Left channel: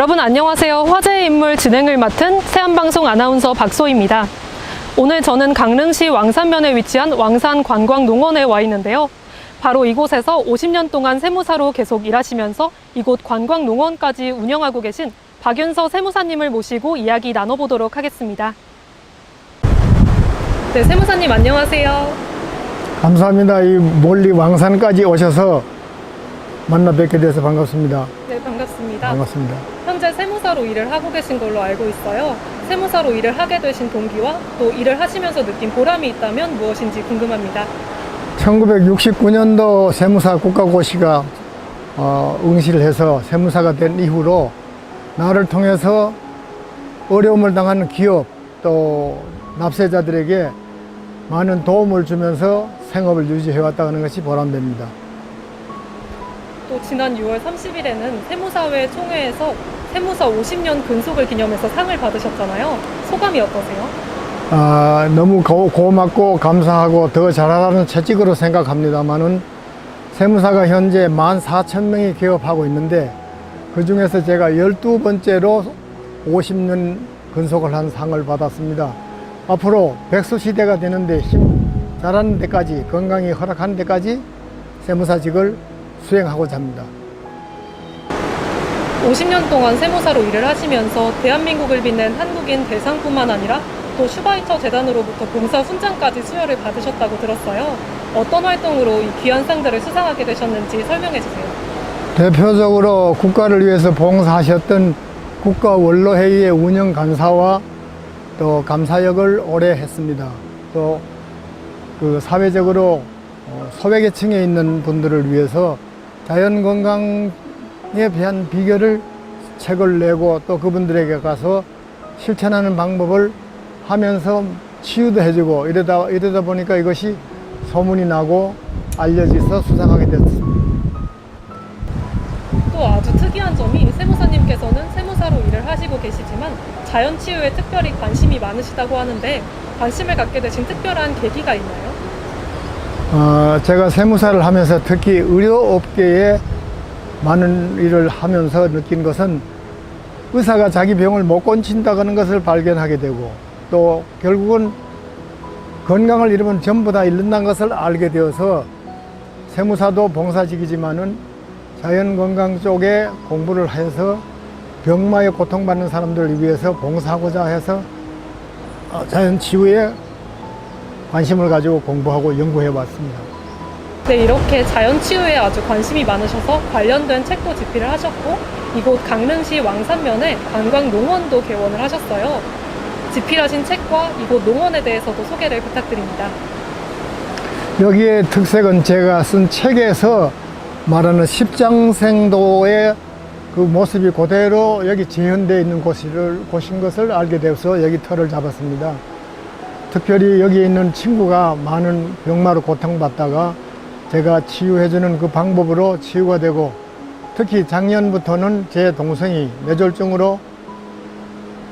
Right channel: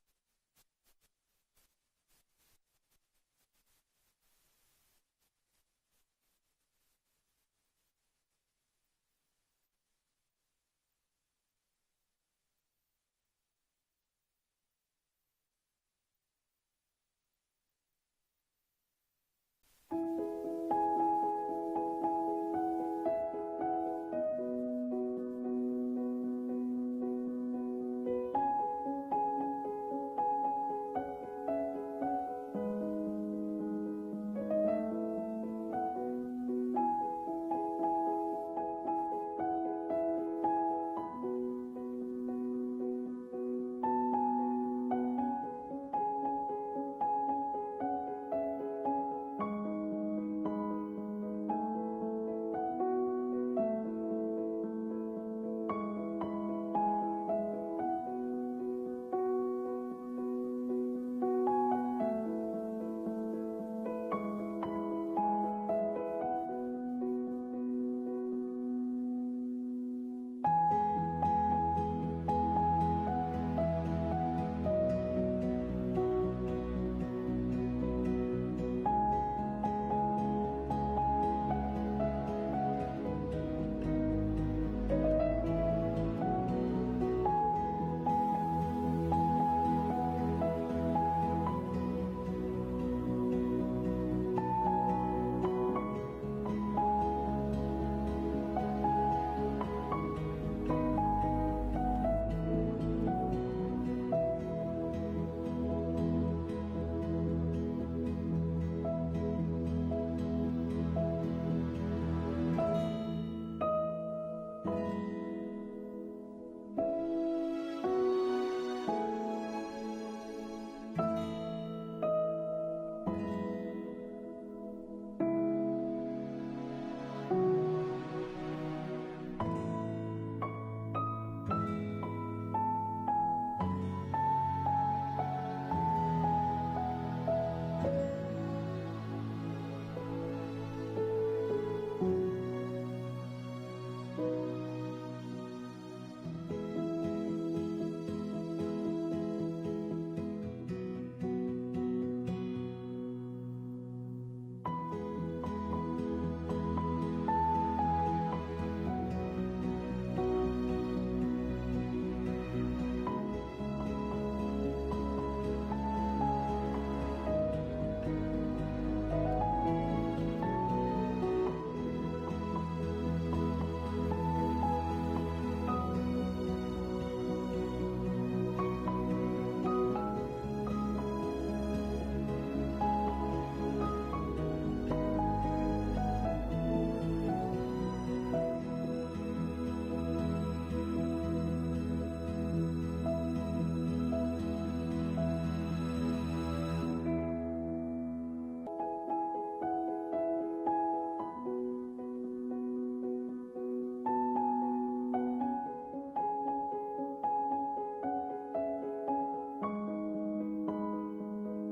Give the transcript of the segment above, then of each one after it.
여러분 안녕하세요. 화제의 인물 진행을 맡은 세안방송 아나운서 박소희입니다. 오늘 저는 강릉시 왕산면에 위치한 왕산 관광농원에 와 있는데요. 바로 이곳에서 50년 동안 세무사로 계속 일하시면서 이곳 관광농원까지 운영하고 계신 박윤서 세무사님을 모시고 이야기 나눠보도록 하겠습니다. 네, 세무사님 안녕하세요. 감사합니다. 이 멀리 왕산까지 오셔서 만나 뵙게 돼서 반갑습니다. 네, 반갑습니다. 반갑습니다. 현재 세무사로 일을 하고 계신 걸로 알고 있어요. 세무사로 일을 하게 되신 동기와 또 일을 하시면서 느낀 보람이 있다면 무엇인지 궁금합니다. 1969년도 세무사 국가고시가 어, 응시를 해서 세무사가 된 이후로 나를 통해서 어려움을 당하는 기업 또 납세자들에게 많은 도움을 주면서 생업을 유지해왔다는 것이 보람됩니다. 또 지난 6월 30일에는 세무사회 총회에서 세무사 50년 근속을 기념해서 상을 받으셨잖아요. 소감이 어떠세요? 아, 너무 고, 고맙고 감사하고 더 잘하라는 채찍으로 생각합니다만은 세무사가 현재 14,000명이 개업하고 있는데 그 중에서 제가 12번째로 50년 근속을 한 상을 받았습니다. 앞으로 백수 시대가 되는데 힘 잘하는 데까지 건강이 허락하는 데까지 세무사직을 수행하고자 합니다. 50년 동안 세무사로 일을 하시면서 대한민국을 빛낸 한국인 대상뿐만 아니라 또 슈바이처 재단으로부터 봉사 훈장까지 수여를 받으셨다고 들었어요. 어떤 활동으로 이 귀한 상들을 수상하게 되셨는지 설명해 주세요. 대표적으로 국가를 위해서 봉사하셨던 국가 원로회의의 운영 간사와 또 감사역을 오래 했습니다. 또 그 사회적으로 어, 소외계층에 있는 분들을 위해서 자연 건강에 대한 비결을 책을 내고 또 그분들에게 가서 실천하는 방법을 하면서 치유도 해주고 이러다 이러다 보니까 이것이 소문이 나고 알려져서 수상하게 됐습니다. 또 아주 특이한 점이 세무사님께서는 세무사로 일을 하시고 계시지만 자연 치유에 특별히 관심이 많으시다고 하는데 관심을 갖게 되신 특별한 계기가 있나요? 어, 제가 세무사를 하면서 특히 의료업계에 많은 일을 하면서 느낀 것은 의사가 자기 병을 못 고친다는 것을 발견하게 되고 또 결국은 건강을 잃으면 전부 다 잃는다는 것을 알게 되어서 세무사도 봉사직이지만은 자연건강 쪽에 공부를 해서 병마에 고통받는 사람들을 위해서 봉사하고자 해서 어, 자연치유에 관심을 가지고 공부하고 연구해 왔습니다. 네, 이렇게 자연 치유에 아주 관심이 많으셔서 관련된 책도 집필을 하셨고 이곳 강릉시 왕산면에 관광 농원도 개원을 하셨어요. 집필하신 책과 이곳 농원에 대해서도 소개를 부탁드립니다. 여기에 특색은 제가 쓴 책에서 말하는 십장생도의 그 모습이 그대로 여기 재현되어 있는 곳을, 곳인 것을 알게 되어서 여기 터를 잡았습니다. 특별히 여기 있는 친구가 많은 병마로 고통받다가 제가 치유해주는 그 방법으로 치유가 되고 특히 작년부터는 제 동생이 뇌졸중으로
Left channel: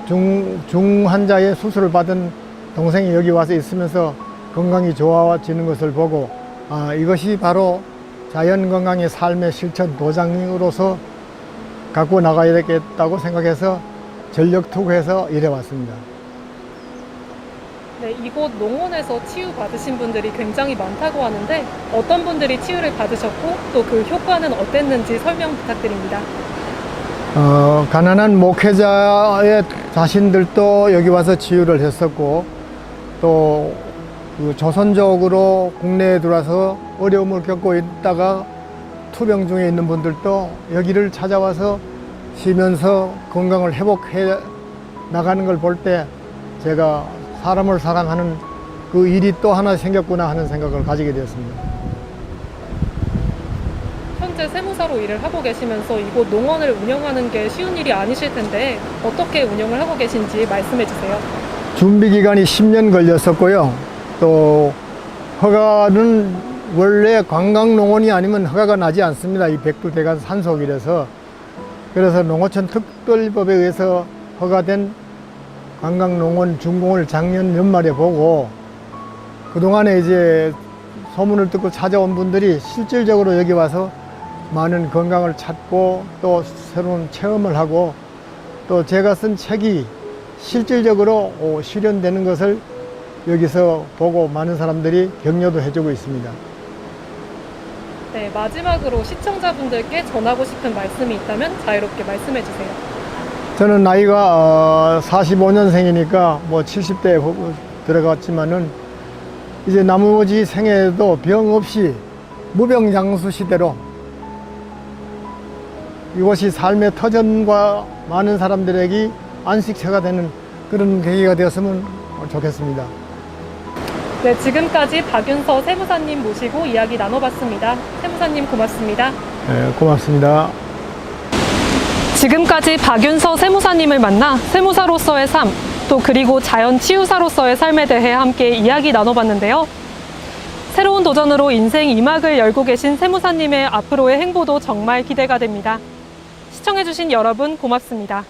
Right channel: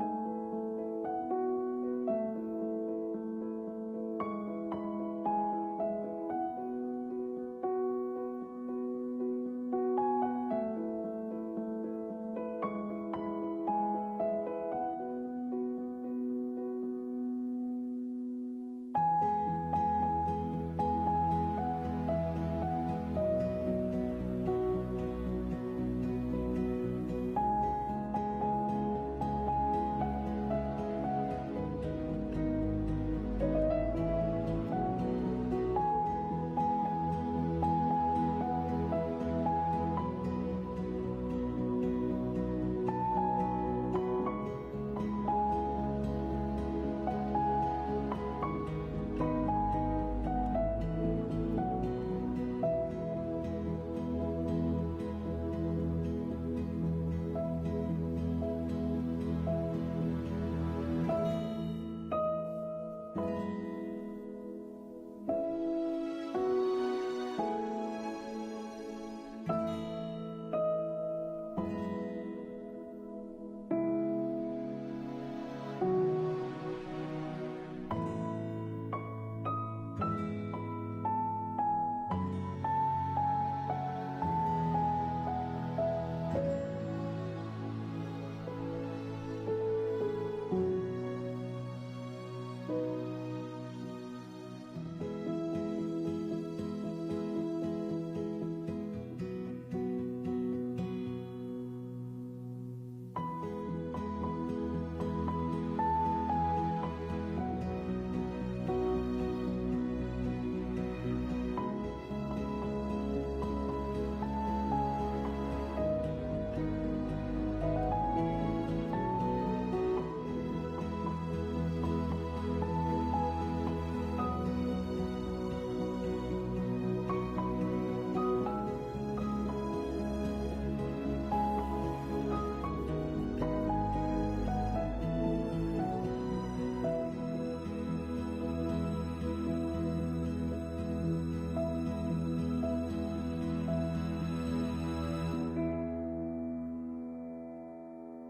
중, 중환자의 수술을 받은 동생이 여기 와서 있으면서 건강이 좋아지는 것을 보고 아, 이것이 바로 자연 건강의 삶의 실천 보장으로서 갖고 나가야 되겠다고 생각해서 전력 투구해서 일해왔습니다. 네, 이곳 농원에서 치유 받으신 분들이 굉장히 많다고 하는데 어떤 분들이 치유를 받으셨고 또 그 효과는 어땠는지 설명 부탁드립니다. 어, 가난한 목회자의 자신들도 여기 와서 치유를 했었고 또 그 조선족으로 국내에 들어와서 어려움을 겪고 있다가 투병 중에 있는 분들도 여기를 찾아와서 쉬면서 건강을 회복해 나가는 걸 볼 때 제가 사람을 사랑하는 그 일이 또 하나 생겼구나 하는 생각을 가지게 되었습니다. 현재 세무사로 일을 하고 계시면서 이곳 농원을 운영하는 게 쉬운 일이 아니실 텐데 어떻게 운영을 하고 계신지 말씀해 주세요. 준비 기간이 10년 걸렸었고요. 또 허가는 원래 관광농원이 아니면 허가가 나지 않습니다. 이 백두대간 산속이라서. 그래서 농어촌 특별법에 의해서 허가된 관광농원 준공을 작년 연말에 보고 그동안에 이제 소문을 듣고 찾아온 분들이 실질적으로 여기 와서 많은 건강을 찾고 또 새로운 체험을 하고 또 제가 쓴 책이 실질적으로 어, 실현되는 것을 여기서 보고 많은 사람들이 격려도 해주고 있습니다. 네, 마지막으로 시청자분들께 전하고 싶은 말씀이 있다면 자유롭게 말씀해 주세요. 저는 나이가 45년생이니까 뭐 70대에 들어갔지만은 이제 나머지 생애도 병 없이 무병장수 시대로 이것이 삶의 터전과 많은 사람들에게 안식처가 되는 그런 계기가 되었으면 좋겠습니다. 네, 지금까지 박윤서 세무사님 모시고 이야기 나눠봤습니다. 세무사님 고맙습니다. 네, 고맙습니다. 지금까지 박윤서 세무사님을 만나 세무사로서의 삶, 또 그리고 자연 치유사로서의 삶에 대해 함께 이야기 나눠봤는데요. 새로운 도전으로 인생 이막을 열고 계신 세무사님의 앞으로의 행보도 정말 기대가 됩니다. 시청해주신 여러분 고맙습니다.